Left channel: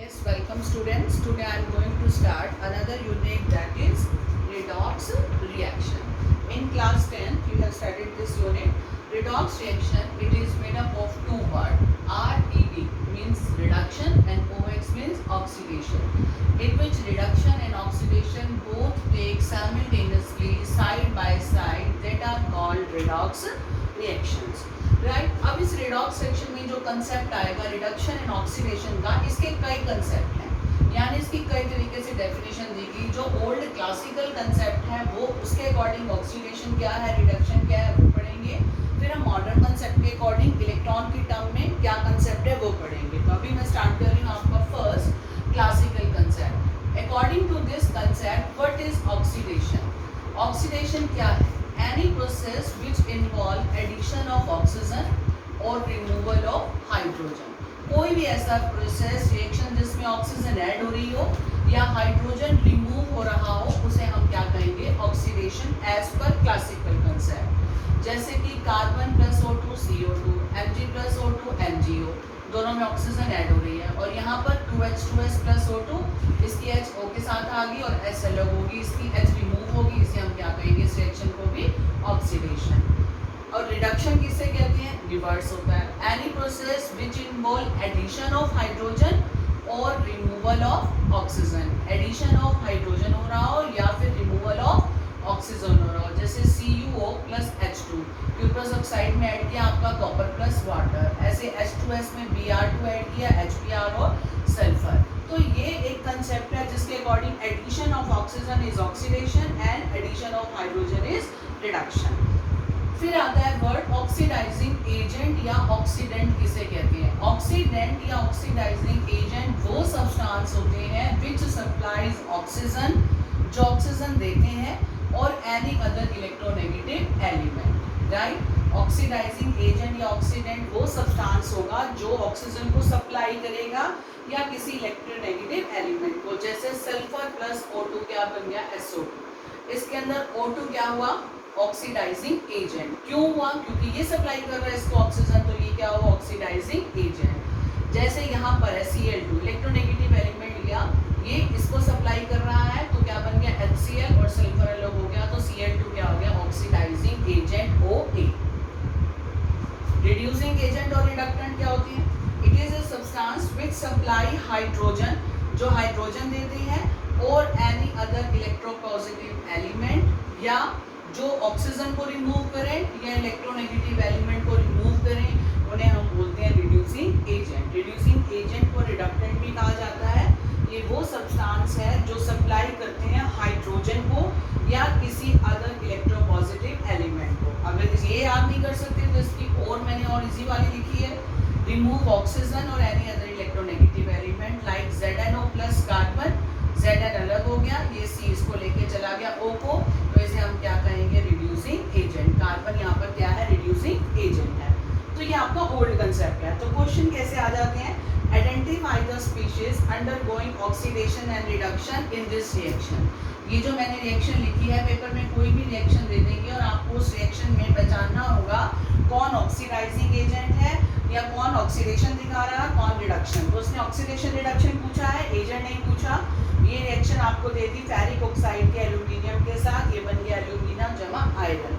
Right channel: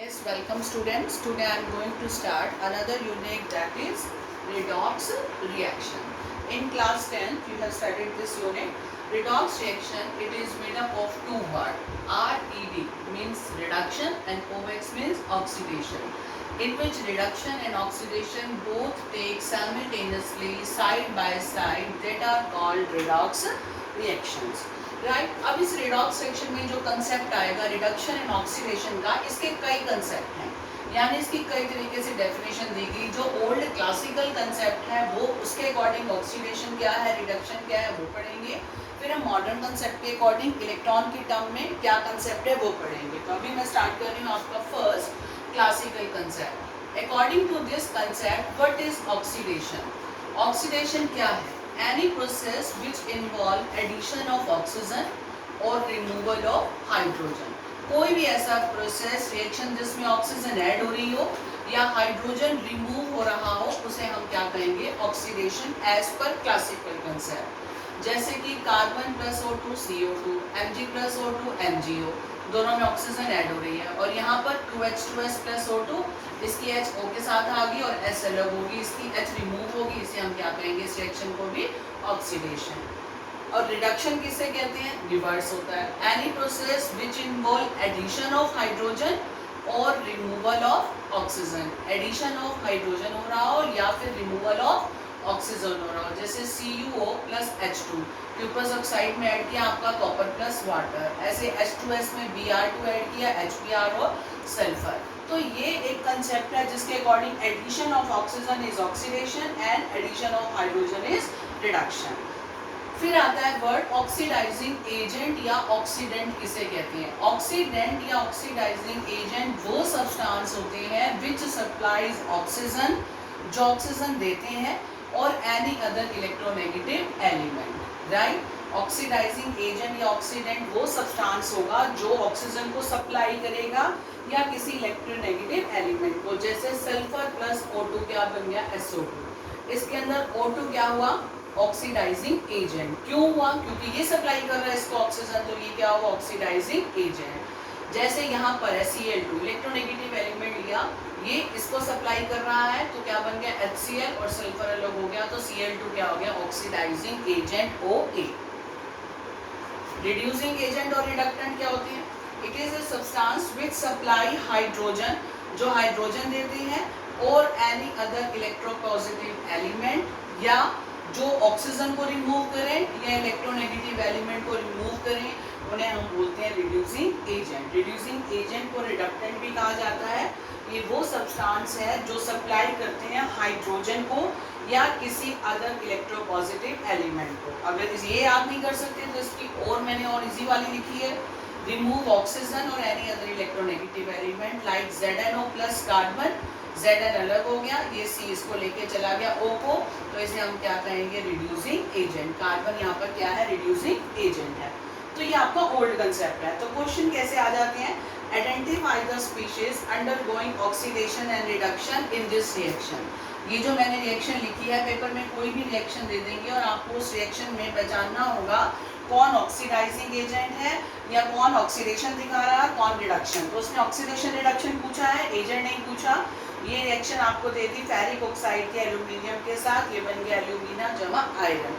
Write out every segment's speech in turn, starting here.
Yes, welcome students. Today I am going to start another unit, that is redox reaction. In class 10th you have studied this unit. Redox reaction, it is made up of two words. RED means reduction and OX means oxidation. In which reduction and oxidation both take simultaneously side by side, that are called redox reactions. Right अब इस redox section में जो concept आएगा reduction and oxidation का, इसके कई concept हैं, यानी इसकी कई तरीके से डेफिनेशन दी गई। जो ओल्ड क्लासिकल कंसेप्ट है वो उसके अकॉर्डिंग ऑक्सीडेशन क्या है, रिडक्शन क्या है वो पढ़ेंगे। फिर हम मॉडर्न कंसेप्ट के अकॉर्डिंग इलेक्ट्रॉन की टर्म में क्या कंसेप्ट है वो पढ़ेंगे। तो अभी मैं स्टार्ट कर रही हूँ आपका first classical concept. According to this concept what is oxidation? Oxidation क्या है? Any process which involve addition of oxygen or removal of hydrogen. कोई भी ऐसा प्रोसेस रिएक्शन जिसमें ऑक्सीजन ऐड हो रही हो या हाइड्रोजन रिमूव हो रहा हो उसे हम क्या कहेंगे? Oxidation as per classical concept. जैसे कि carbon plus O2 CO2, Mg plus O2 MgO, दोनों में ऑक्सीजन ऐड हो रही है और यहाँ पर 2H2S प्लस O2, इसकी H O के साथ आ गई और S अलग होगी, इसकी H रिमूव होगी, इसे हम क्या कहेंगे? इस रिएक्शन को भी ऑक्सीडेशन। और रिडक्शन किसे कहते हैं? रिवर्स होता है। Any process which involve addition of hydrogen और removal of oxygen. Addition of hydrogen हो रहा हो या फिर रिमूवल ऑफ ऑक्सीजन हो रहा हो, जैसे CuO प्लस H2 क्यूपस ऑक्साइड में ऐड किया आपका कॉपर प्लस वाटर, ऐसे H2S में Br2 ऐड किया HBr और सल्फर। तो ये एक कंसेप्ट है जिसके according addition of oxygen is oxidation and addition of hydrogen is reduction. फिर आता है वर्ड ऑक्सीडाइजिंग एजेंट या ऑक्सीडेंट किसे कहते हैं? ऑक्सीडेंट या ऑक्सीडाइजिंग एजेंट वो सब्सटेंस होते हैं विच सप्लाइज ऑक्सीजन, जो ऑक्सीजन देते हैं, और any other electronegative element. Right, oxidising agent या ऑक्सीडेंट वो सब्सटेंस होगा जो ऑक्सीजन को सप्लाई करेगा या किसी इलेक्ट्रोनेगेटिव एलिमेंट को। जैसे सल्फर प्लस O2 क्या बन गया? SO2। इसके अंदर O2 क्या हुआ? Oxidising agent. क्यों हुआ? क्योंकि ये सप्लाई कर रहा है इसको ऑक्सीजन, तो ये क्या हुआ? Oxidising agent. जैसे यहाँ पर है Cl2, इलेक्ट्रोनेगेटिव एलिमेंट लिया, ये इसको सप्लाई कर रहा है तो क्या बन गया? HCl और सल्फर अलग हो गया, तो Cl2 क्या हो गया? Oxidising agent OA। Reducing agent और रिडक्टेंट क्या होती है? It is a substance which supply hydrogen, जो हाइड्रोजन देती है, और एनी अदर इलेक्ट्रोपॉजिटिव एलिमेंट, या जो ऑक्सीजन को रिमूव करें या इलेक्ट्रोनेगेटिव एलिमेंट को रिमूव करें, उन्हें हम बोलते हैं रिड्यूसिंग एजेंट। रिड्यूसिंग एजेंट को रिडक्टेंट भी कहा जाता है। ये वो सब्सटेंस है जो सप्लाई करते हैं हाइड्रोजन को या किसी अदर इलेक्ट्रोपॉजिटिव एलिमेंट को। अगर ये याद नहीं कर सकते तो इसकी और मैंने और इजी वाली लिखी है, रिमूव ऑक्सीजन और any other electronegative element like ZnO plus carbon, Zn अलग हो गया, ये C इसको लेके चला गया O को, तो इसे हम क्या कहेंगे? Reducing agent. कार्बन यहाँ पर क्या है? रिड्यूसिंग एजेंट है। तो ये आपका ओल्ड कंसेप्ट है। तो क्वेश्चन कैसे आ जाते हैं? Identify the species undergoing oxidation and reduction in this reaction. ये जो मैंने रिएक्शन लिखी है, पेपर में कोई भी रिएक्शन दे देंगे और आपको उस रिएक्शन में पहचानना होगा कौन ऑक्सीडाइजिंग एजेंट है या कौन ऑक्सीडेशन दिखा रहा है, कौन रिडक्शन। तो उसने ऑक्सीडेशन रिडक्शन पूछा है, एजेंट नहीं पूछा। ये रिएक्शन आपको देती फेरिक ऑक्साइड के एल्यूमिनियम के साथ, ये बन गया एल्यूमिना जमा आयरन।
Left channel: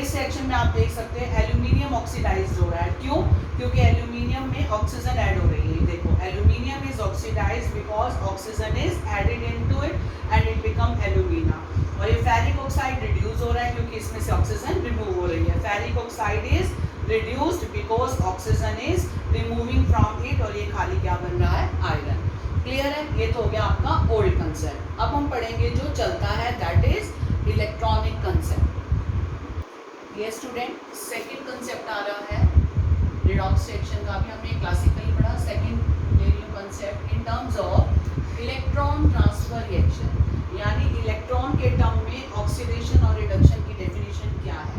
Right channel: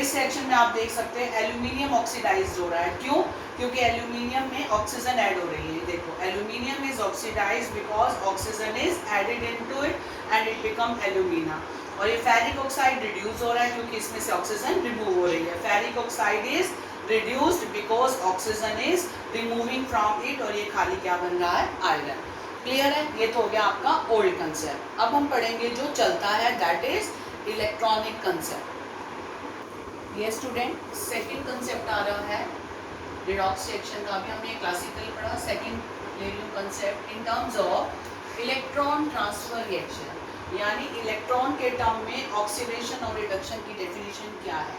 इस रिएक्शन में आप देख सकते हैं एल्यूमिनियम ऑक्सीडाइज्ड हो रहा है। क्यों? क्योंकि एल्यूमिनियम में ऑक्सीजन ऐड हो रही है। देखो, aluminium is oxidised because oxygen is added into it and it become alumina. और ये फेरिक ऑक्साइड रिड्यूस हो रहा है क्योंकि इसमें से ऑक्सीजन रिमूव हो रही है। Ferric oxide is reduced because oxygen is removing from it, और ये खाली क्या बन रहा है? आयरन। क्लियर है? ये तो हो गया आपका ओल्ड कंसेप्ट। अब हम पढ़ेंगे जो चलता है, दैट इज इलेक्ट्रॉनिक कंसेप्ट। ये स्टूडेंट सेकंड कंसेप्ट आ रहा है रिडॉक्स रिएक्शन का, भी हमने क्लासिकल पढ़ा। सेकंड ले रही हूँ concept in terms of electron transfer reaction, यानी इलेक्ट्रॉन के टर्म में ऑक्सीडेशन और रिडक्शन की डेफिनेशन क्या है?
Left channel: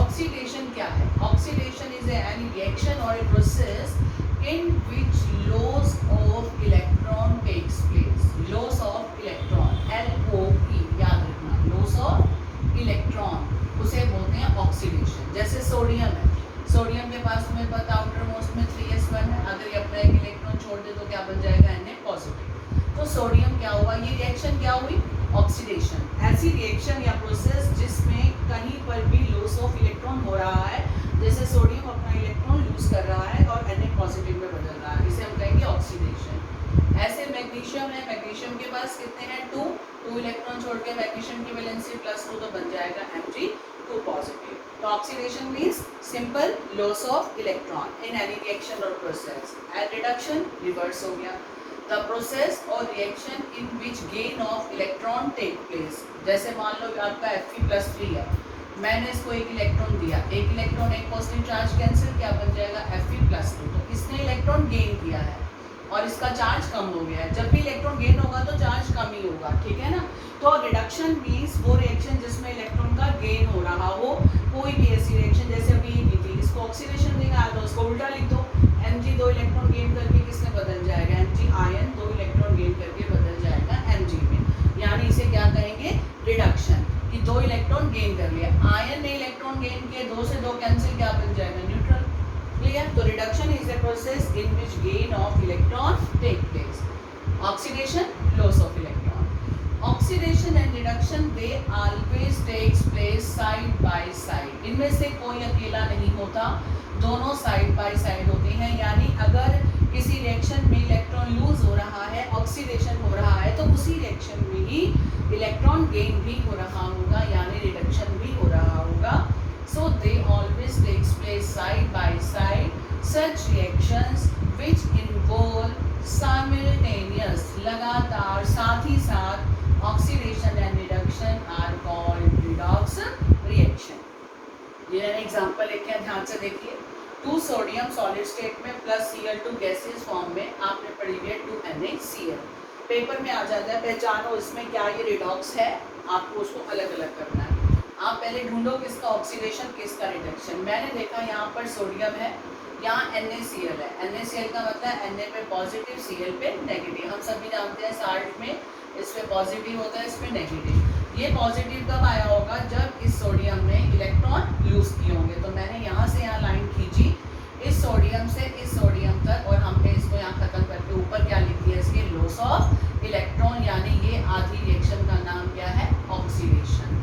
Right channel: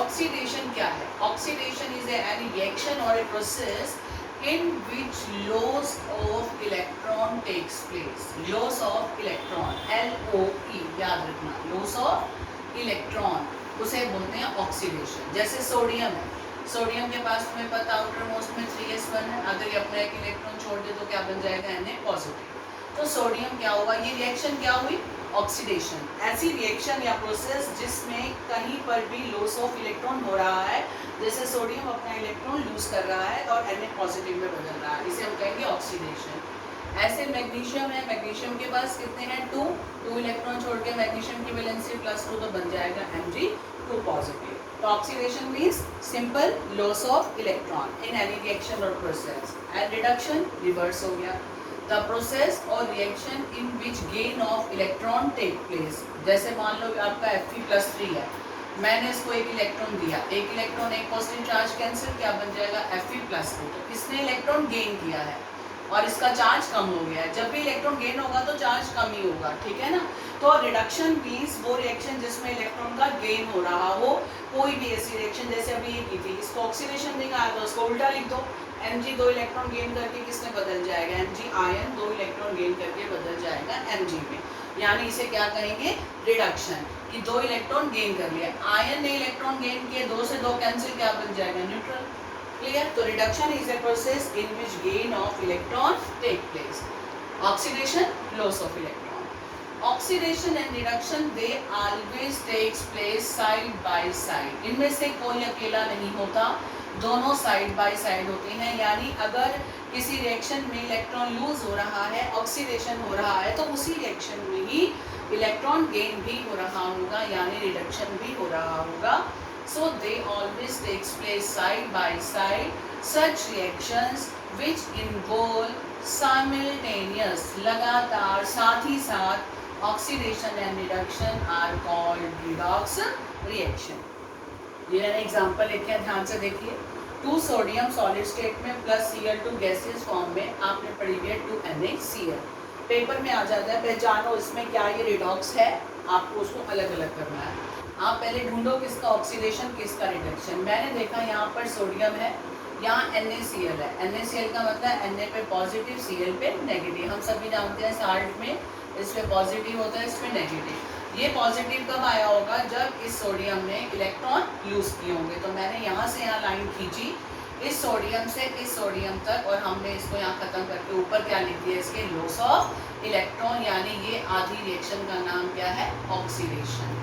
ऑक्सीडेशन क्या है? ऑक्सीडेशन इज एनी रिएक्शन और a process in which loss of electron takes place. Loss of electron, LOE याद रखना, loss of electron उसे बोलते हैं ऑक्सीडेशन। जैसे सोडियम है, सोडियम के पास तुम्हें पता आउटर मोस्ट में 3s1 है, अगर ये अपना एक इलेक्ट्रॉन छोड़ दे तो क्या बन जाएगा Na पॉजिटिव। तो सोडियम क्या हुआ, ये रिएक्शन क्या हुई, ऑक्सीडेशन। ऐसी रिएक्शन या प्रोसेस जिसमें कहीं पर भी लॉस ऑफ इलेक्ट्रॉन हो रहा है, जैसे सोडियम अपना इलेक्ट्रॉन लूज कर रहा है और Na पॉजिटिव में बदल रहा है, इसे हम कहेंगे ऑक्सीडेशन। ऐसे मैग्नीशियम है, मैग्नीशियम के पास कितने हैं, 2 इलेक्ट्रॉन छोड़ के मैग्नीशियम की वैलेंसी +2 तो बन जाएगा Mg2 पॉजिटिव। तो oxidation means simple loss of electron in any reaction और प्रोसेस। एंड रिडक्शन रिवर्स हो गया, द प्रोसेस और reaction in which gain of electron take place. जैसे मान लो आपका Fe+3 है, मैंने इसको एक इलेक्ट्रॉन दिया, एक इलेक्ट्रॉन एक पॉजिटिव चार्ज कैंसिल, क्या बन जाएगा Fe+2। तो इसने इलेक्ट्रॉन गेन किया है और इसका चार्ज कम हो गया है। जब भी इलेक्ट्रॉन गेन होगा तो चार्ज कम ही होगा, ठीक है ना। तो रिडक्शन मीन्स वो रिएक्शन जिसमें इलेक्ट्रॉन का गेन हो रहा हो, कोई भी ऐसी रिएक्शन, जैसे अभी ये की थी, इसको ऑक्सीडेशन निकाल दो, उसको उल्टा लिख दो, Mg 2 इलेक्ट्रॉन गेन करके किसने बदल जाएगा, Mg आयन 2 इलेक्ट्रॉन गेन करके बदल जाएगा Mg में, यानी इसे क्या कहेंगे, रिडक्शन, कि 2 इलेक्ट्रॉन गेन कर लिया। आयन ने इलेक्ट्रॉन गेन किए, 2 से 2 कैंसिल, क्या बन जाएगा, न्यूट्रल। क्लियर। तो reduction is a process in which gain of electron take place. Oxidation, loss of electron. Oxidation and reduction, they always takes place side by side. इनमें से कोई अकेला नहीं होता, दोनों साइड बाय साइड होते हैं। यानी अगर किसी रिएक्शन में इलेक्ट्रॉन लूज हो रहा है, ऑक्सीडेशन हो रहा है, तो उसी रिएक्शन में ही इलेक्ट्रॉन गेन भी हो रहा होगा, यानी रिडक्शन भी हो रहा होगा। So they always takes place side by side. Such reactions which involve simultaneous, लगातार, साथ ही साथ oxidation and reduction are called redox reaction. ये मैंने एग्जाम्पल लिखे हैं, ध्यान से देखिए। 2 सोडियम सॉलिड स्टेट में प्लस Cl2 गैसेस फॉर्म में आपने पढ़ी हुई है 2NaCl। पेपर में आ जाता है, पहचानो इसमें क्या ये रिडॉक्स है, आपको उसको अलग अलग करना है। आप पहले ढूंढो किसका ऑक्सीडेशन किसका रिडक्शन। मैंने देखा यहाँ पर सोडियम है, यहाँ NaCl है। NaCl का मतलब Na पे पॉजिटिव, Cl पे नेगेटिव। हम सभी जानते हैं साल्ट में इस पे पॉजिटिव होता है, इस पे नेगेटिव। ये पॉजिटिव कब आया होगा, जब इस सोडियम ने इलेक्ट्रॉन यूज किए होंगे। तो मैंने यहाँ से यहाँ लाइन खींची, इस सोडियम से इस सोडियम तक, और हमने इसको यहाँ खत्म करके ऊपर क्या लिख दिया, इसके लॉस ऑफ इलेक्ट्रॉन, यानी ये आधी रिएक्शन का नाम क्या है, ऑक्सीडेशन।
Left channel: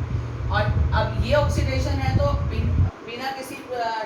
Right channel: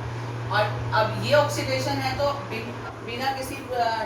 और अब ये ऑक्सीडेशन है तो बिना किसी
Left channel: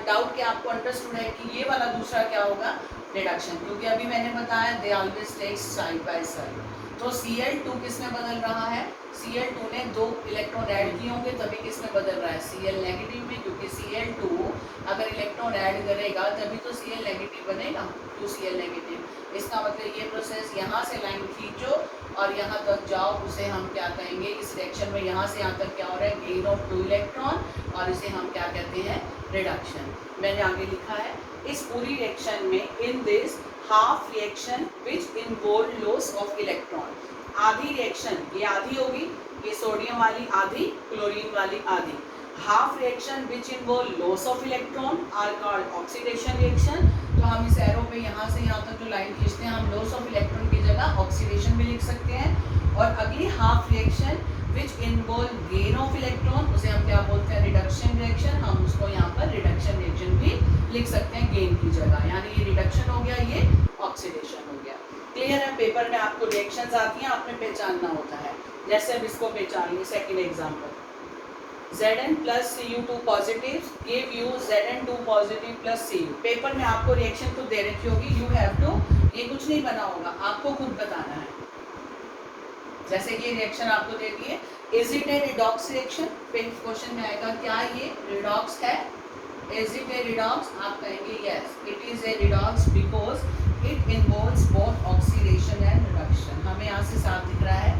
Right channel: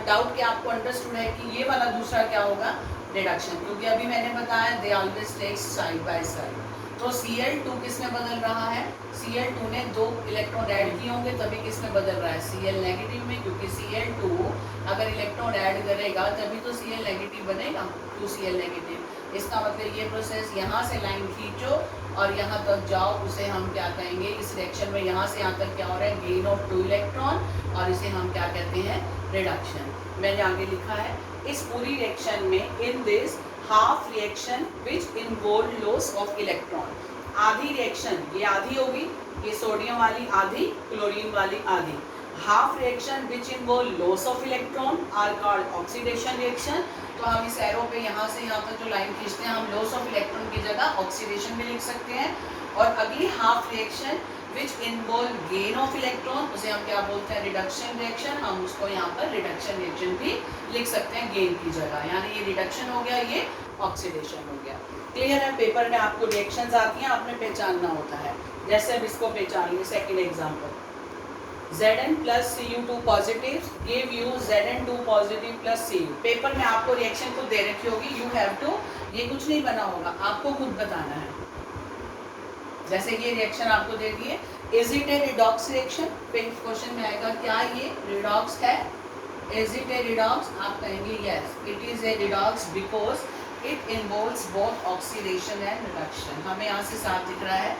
डाउट के आपको अंडरस्टूड है कि ये वाला दूसरा क्या होगा, रिडक्शन, क्योंकि अभी मैंने बताया they always takes side by side. तो Cl2 किसमें बदल रहा है, Cl2 ने 2 इलेक्ट्रॉन ऐड किए होंगे, तभी किसमें बदल रहा है, Cl नेगेटिव में, क्योंकि Cl2 अगर इलेक्ट्रॉन ऐड करेगा तभी तो Cl नेगेटिव बनेगा, 2Cl नेगेटिव। इसका मतलब ये प्रोसेस, यहाँ से लाइन खींचो और यहाँ तक जाओ, उसे हम क्या कहेंगे, इस रिएक्शन में यहाँ से यहाँ तक क्या हो रहा है, गेन ऑफ 2 इलेक्ट्रॉन, और इसे हम क्या कहते हैं, रिडक्शन। मैंने आगे लिखा है, इस पूरी रिएक्शन में in this half reaction which involve loss of electron, आधी रिएक्शन, ये आधी होगी, ये सोडियम वाली आधी, क्लोरीन वाली आधी। Half reaction which involve loss of electron are called oxidation reaction. तो हम इस एरो पे यहाँ से यहाँ तक जो लाइन खींचते हैं, हम लॉस ऑफ इलेक्ट्रॉन की जगह ऑक्सीडेशन भी लिख सकते हैं। और अगली half reaction which involve gain of electron, उसे हम क्या बोलते हैं, रिडक्शन रिएक्शन। हम उसको यहाँ पर रिडक्शन रिएक्शन भी लिख सकते हैं गेन की जगह, यानी ये रिडक्शन हो गया, ये ऑक्सीडेशन हो गया। क्लियर है। पेपर में आपको रिएक्शंस आती हैं, आपने पहचानना होता है। जैसे अब इसको पहचान लिया, second example, Zn plus Cu2 positive give you Zn2 positive plus Cu। Paper में आपको रिएक्शन खुद दे रखी होगी, यू हैव टू, ये कुछ नहीं बना होगा, आपको खुद बताना है। जैसे ये रिएक्शन आपको दे दी है, is it A redox reaction, question में आएगा क्या ये रिडॉक्स है, इज इट ए रिडॉक्स, आप कहेंगे yes it is a redox because it involves both oxidation and reduction. हमें यहाँ से साफ दिख रहा है,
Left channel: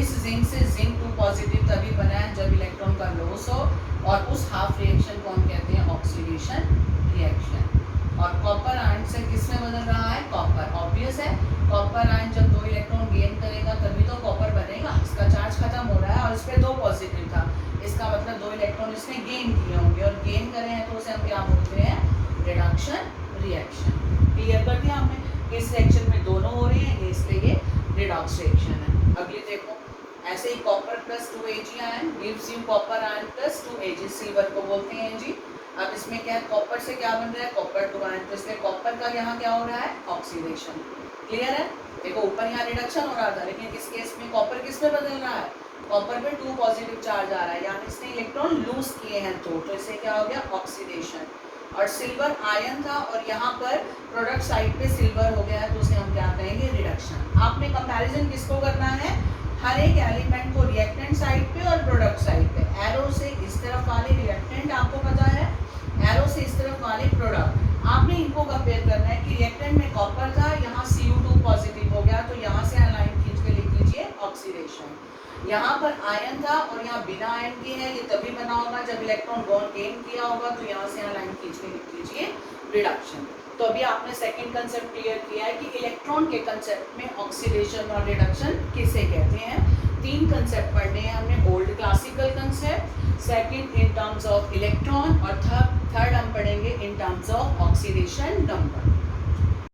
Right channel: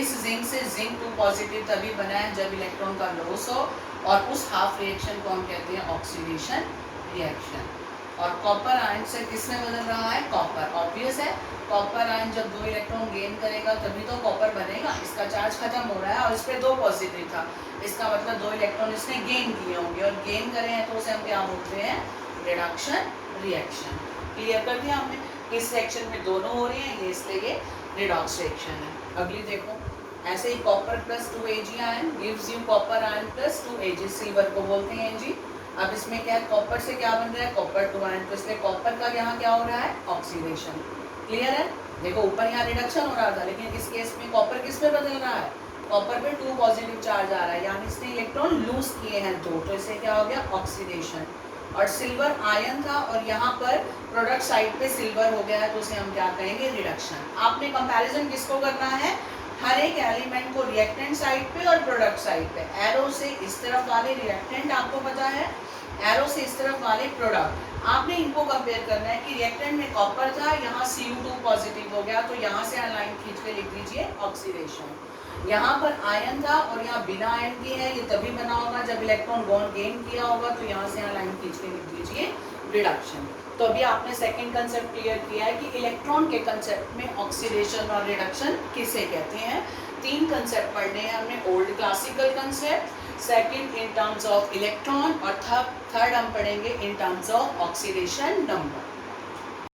इस जिंक से Zinc2 पॉजिटिव तभी बना है जब इलेक्ट्रॉन का लॉस हो, और उस हाफ रिएक्शन को हम कहते हैं ऑक्सीडेशन रिएक्शन। और कॉपर आयन से किसमें बदल रहा है, कॉपर, ऑब्वियस है, कॉपर आयन जब 2 इलेक्ट्रॉन गेन करेगा तभी तो कॉपर बनेगा, इसका चार्ज खत्म हो रहा है और इस पर 2 पॉजिटिव था, इसका मतलब 2 इलेक्ट्रॉन इसने गेन किए होंगे, और गेन करे हैं तो उसे हम क्या बोलते हैं, रिडक्शन रिएक्शन। क्लियर कर दिया हमने, इस रिएक्शन में दोनों हो रहे हैं, ये इसलिए ये रिडॉक्स रिएक्शन है। अगली देखो, ऐसे ही copper plus 2 Ag ion gives you copper ion plus 2 Ag, silver को बोलते हैं Ag। अब इसमें क्या है, कॉपर से क्या बन रहा है, कॉपर 2 आयन, तो इसलिए कॉपर का यहाँ क्या हो रहा है, ऑक्सीडेशन। क्लियर है? देखो ऊपर यहाँ रिडक्शन हो रहा था, लेकिन इस केस में कॉपर किस पे बदल रहा है, कॉपर पे 2 पॉजिटिव चार्ज आ रहा है, यानी इसने इलेक्ट्रॉन लूज किए हैं 2, तो इससे क्या हो गया, ऑक्सीडेशन। और सिल्वर आयन था और यहाँ पर प्रोडक्ट साइड पे सिल्वर हो गया है, तो उसे हम क्या कहेंगे, रिडक्शन। आपने कंपैरिजन किसको करना है, हर एक एलिमेंट को रिएक्टेंट साइड पे और प्रोडक्ट साइड पे, एरो से इस तरफ वाले रिएक्टेंट आपको पता है, एरो से इस तरफ वाले प्रोडक्ट, आपने इनको कंपेयर करना है कि रिएक्टेंट में कॉपर था, यहाँ Cu2 पॉजिटिव हो गया, तो यहाँ से लाइन खींच के लिख दीजिए ऑक्सीडेशन। यहाँ पर आयन था और यहाँ बिना आयन के है, ये तभी बना होगा जब इलेक्ट्रॉन गेन किया होगा, तो यहाँ से लाइन खींच के लिख दीजिए रिडक्शन। तो अभी आपने सेकंड कंसेप्ट क्लियर किया है कि इलेक्ट्रॉन के कंसेप्ट में ऑक्सीडेशन और रिडक्शन किसे कहते हैं। 3 कंसेप्ट पढ़ने हैं हमने, old classical concept, second in terms of electron, और थर्ड हम पढ़ेंगे in terms of oxidation number.